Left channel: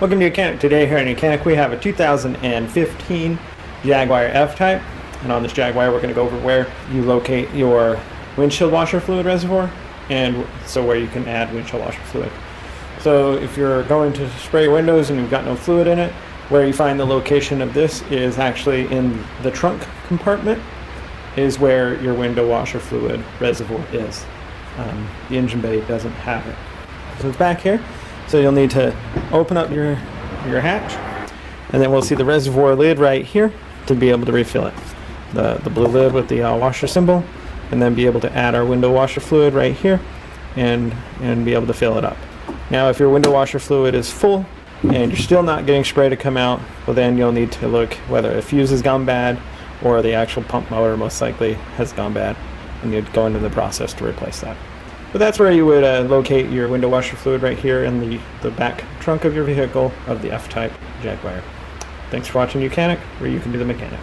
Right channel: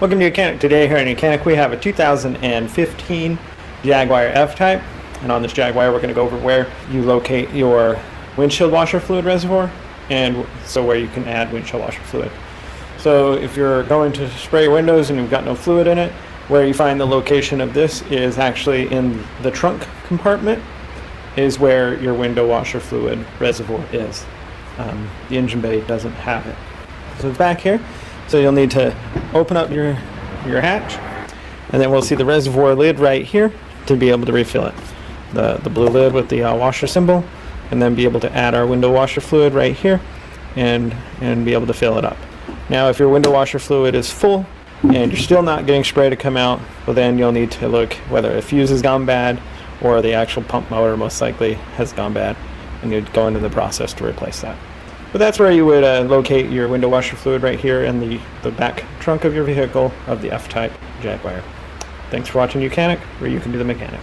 Welcome to YOUCANIC. Today here in YOUCANIC we have a 2015 Jaguar F-Type, and on this Jaguar we're going to go over where you locate your windshield washer fluid reservoir, and so where you can add windshield washer fluid. So if you're going to spray windows and you've got no fluid in it, where you find the location of this is actually in the trunk compartment, is where your window washer fluid reservoir is. The engine bay doesn't have it. It comes back here. So you'll need to open up your hatch, and then we'll see the reservoir lid right here to be able to refill it. The blue lid with the washer symbol, and then be able to add our window washer fluid right here and be able to fill it up. Now if your window washer fluid is full and you're still not getting spray to come out, well then you'll need to look whether a fuse has gone bad or the actual pump motor most likely has gone bad. You need to go into the process to replace that. But that's where you would locate your window washer fluid, right here in the back trunk of your vehicle of the F-Type Jaguar. Thanks for watching YOUCANIC, where you can be the mechanic.